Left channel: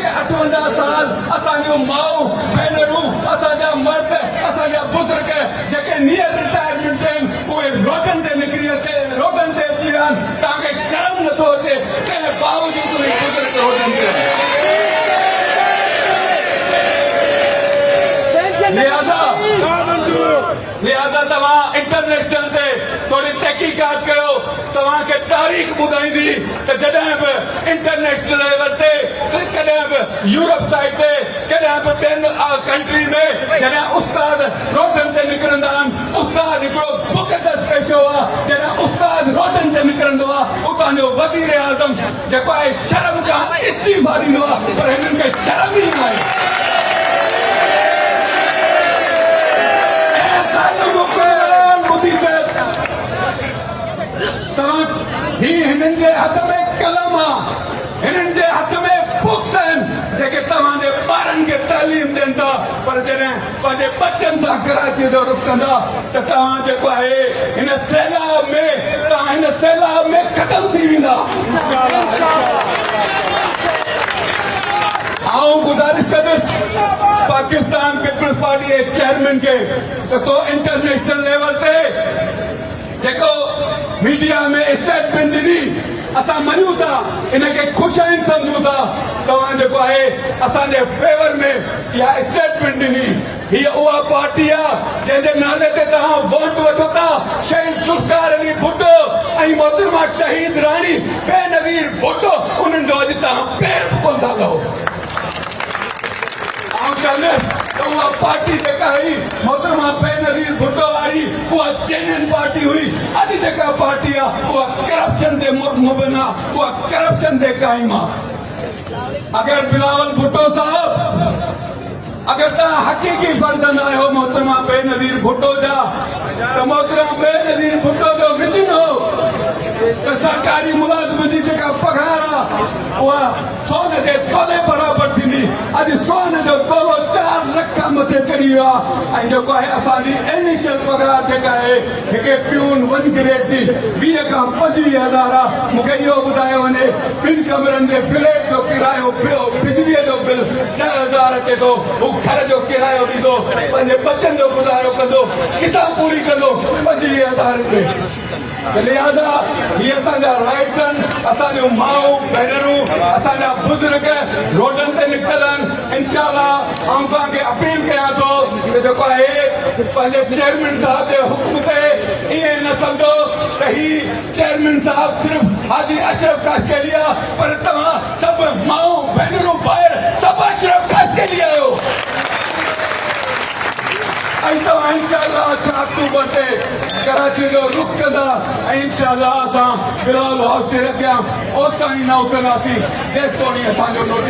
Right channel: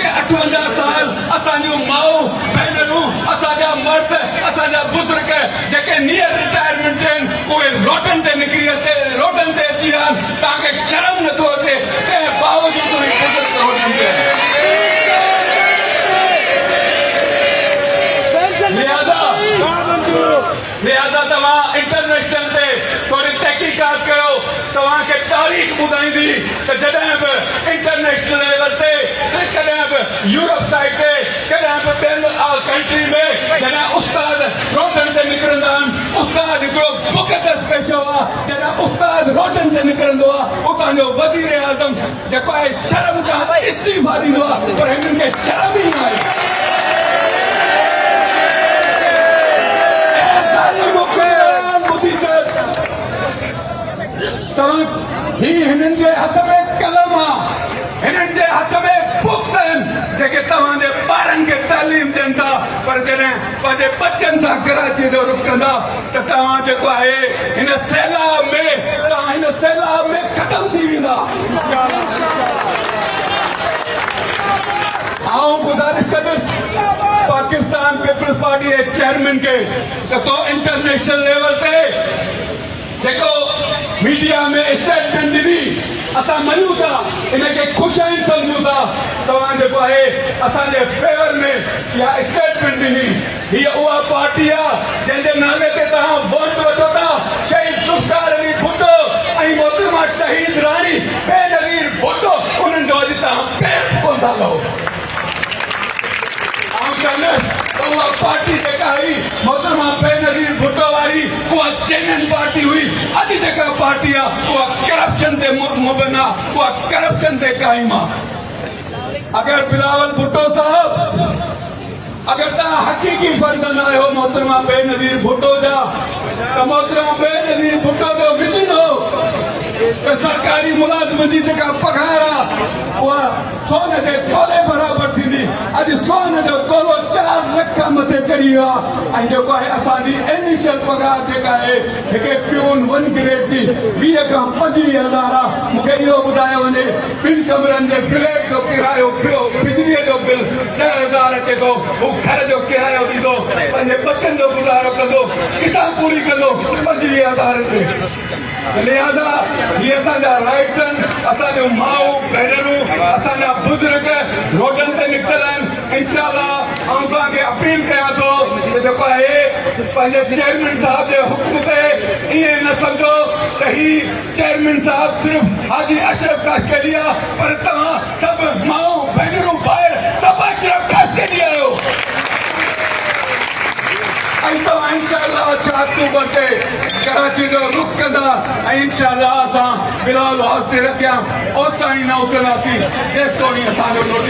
जेके 58 साल असांजूं माऊं भेनरूं असांजा मर्द असांजा बुज़ुर्ग जेके नियर रिटायरमेंट आहिनि उहे रोडनि ते निकिरी अचे रोडनि ते अची विया आहिनि तव्हांखे शर्म नथो अचे तंहिं बावजूदि उहे बुज़ुर्ग रोडनि ते लिहाज़ा तव्हां इंटरनेशनल ते थोरी तहक़ीक़ात कयो तव्हांखे तारीख़ ॿुधाईंदी त जॾहिं बि इंटरनेशनल लेवल ते कॾहिं बि यूरोप साइड ते कॾहिं बि ॿियनि कंट्री में जॾहिं उस्ताद रोडनि ते निकिरंदा आहिनि उस्ताद हिकिड़ो मुक़दस पेशो आहे जॾहिं उस्ताद रोडनि ते निकिरंदो आहे उतां जो वज़ीर आज़म जेको आहे शर्म खां इस्तीफ़ा ॾींदो आहे पर हिननि खे शर्म ई न आहे हिननि जे हथ में कलम आहे हिननि जे हथ में बुक्स आहिनि जेके तव्हांजे ॿारनि खे तालीम ॾियनि था पर जॾहिं पंहिंजे बचनि सां कराची जो रुख कंदा त तव्हां जेको आहे हिन सैलाब में ख़तम थी वेंदा आउं गुज़ारिश कंदुसि पाकिस्तान पीपल्स पार्टी जे चेयरमैन खे त तो इंटरनेशनल लेवल ते जेको मीडिया में स्टेटमेंट ॾिनी असां मञूं था इनखे ख़ुशाइन सम्झूं था तव्हां जेको आहे असांजे फेवर में इहा स्टेटमेंट ॾिनी हीअ उहा पार्टी आहे जंहिंजे नाले ते तव्हां वोट वठो था शहीद ज़ुल्फ़िकार अली भुट्टो ऐं मोहतरमा शहीद राणी बेनज़ीर भुट्टो उन्हनि जो अॼु तव्हां पेर कोन था लहो उहा पार्टी जेका हुई मोहतरमा बेनज़ीर भुट्टो वारी उहा चेंजिंग पार्टी हुई अॼु जेका पार्टी आहे उहा करप्शन ते मुबन आहे उहा करप्शन ते क़ाइम आहे अगरि बिलावल भुट्टो साहब अगरि तव्हां हक़ीक़ी फर्ज़न आहियो मोहतरमा बेनज़ीर भुट्टो जा त मोहतरमा बेनज़ीर भुट्टो जो विज़न हो त सरकारी मुलाज़िमनि जी जेका पघार आहे उहा सोन जे तोले बराबरि थींदी अॼु सोन जो तोलो 4 लख मथे चढ़ी वियो आहे ऐं जेको आहे असांजी इनिशियल पघार जेका आहे हिकिड़े प्यून 1 ग्रेड जी 20 खां 25,000 आहे मूंखे इहो ॿुधायो वञे 2 कमरनि जे फ्लैट जो किरायो बिजलीअ जो बिल 10,000 अचे थो हू घर जो किरायो ॾींदो पंहिंजे बचनि जो गुज़ारो कंदो किताब पूरी कंदो 25,000 रुपए लिहाज़ा ये असांजा राइट्स आहिनि असांजूं माऊं भेनरूं असांजा बुज़ुर्ग रोडनि ते निकितल आहिनि इंशाअल्लाह आउं तव्हांखे अपील कयां थो त जेको आहे पंहिंजे चेयरमैन साहिब जे हुक्म ते ईअं न सम्झो त ही चेयरमैन साहिब सिर्फ़ हाजी अशरफ काशकेली आहे पर तव्हां सभु माऊं भेनरूं भाइर सभु अशरफ काशकेली आहियो ऐं तव्हां इंशाअल्लाह 4 अक्टूबर ते कराची जो रुख कंदा ऐं इंशाअल्लाह असां बिलावल हाउस ते रखिया ओसिताईं न उथंदासीं जेसिताईं असांजो